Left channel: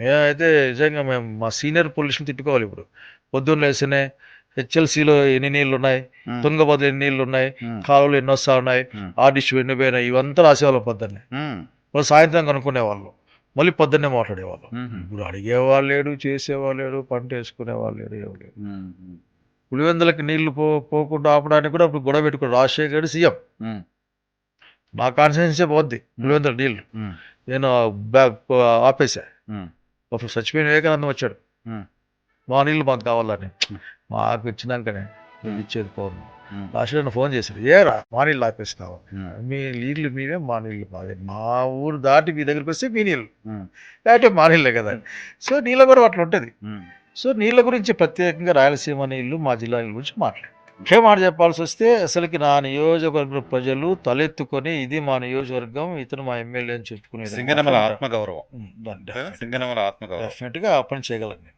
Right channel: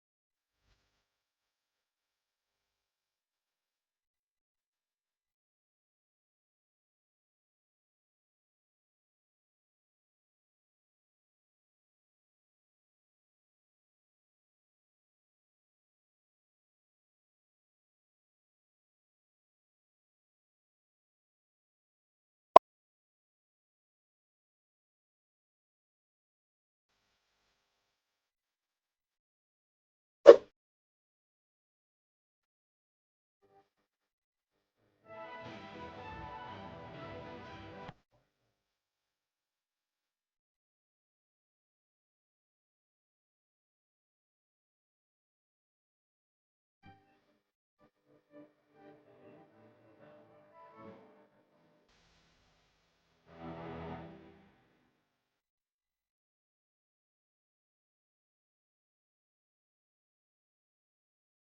మేమైతే నిజంగా మా సీనియర్ పొలిటీషియన్ తిట్టుకోవాలి ఇప్పుడు. పొద్దున్న లేస్తేనే హెచ్ఎల్‌సీలో ఎన్ని నీళ్లున్నాయి, హ్మ్. తుంగభద్రలో ఎన్ని నీళ్లున్నాయి, హ్మ్. కాలువలు ఎన్నొస్తా ఉన్నాయి, హ్మ్. ఆర్డిష్ ఎన్ని పోయినాయి, ఇవంతా రాసేవాళ్ళం పొద్దున్నే. హ్మ్. వాళ్ళు సాయంత్రం కనుక్కునేవాళ్ళు. మళ్ళీ పొద్దున్నే మాట్లాడేవాళ్ళం. హుహు. ఇప్పుడు అడిగేవాళ్ళు లేడు, చేసేవాళ్ళు లేడు, పంటేసుకునేవాళ్ళు లేడు, ఏం లేదు. హ్మ్. హ్మ్. పులివెందులకి నీళ్లు పోకుండా ఆపడానికి కూడా అప్పుడు గొడవ పెట్టుకున్నాడు రాజశేఖర్ రెడ్డి సీఎం. హ్మ్. నా కాన్స్టిట్యున్సీయే పోద్ది పులివెందుల నీళ్లు. హ్మ్. నేను బ్యాగ్ ఆపేసా. హ్మ్. అప్పుడు చచ్చిపోయిన వివేకానందం వచ్చాడు. హ్మ్. మా నీళ్ళు మాకు కావాలని. హ్మ్. మాకు ఇచ్చినాకనే హ్మ్. మీకు ఇచ్చేది పౌరులు. హ్మ్. లాస్ట్‌లో నన్ను ఫోన్ చేశాడు. "ఏరా మా నీళ్ళు ఆపేసినావు? హ్మ్. మీ నీళ్ళు మీవే, మా నీళ్ళు మావే. మా ఊరు దాటి మీ దగ్గరికొస్తే మీ నీళ్ళు. హ్మ్. లేకపోతే మా నీళ్ళే కదా!" సో, నీళ్ళ గొడవ అట్లుంటది. హ్మ్. సో, నీళ్ళ గురించి ప్రత్యేకంగా రాయలసీమ నీళ్ళు, మా జిల్లా నీళ్ళ గురించి మాట్లాడాను. ఒకే మాట చెప్పాల్సొస్తే అసలకి నా నియోజకవర్గ ప్రజలు తలెత్తుకొని ఇది మా నియోజకవర్గం, ఇతను మా ఎమ్మెల్యే అని చెప్పుకునేది సింగనమల మాత్రం ఆత్మగౌరవం. హ్మ్. సింగనమల ఆత్మగౌరవం. డెఫినెట్‌గా ఆ పని చేయగలను నేను.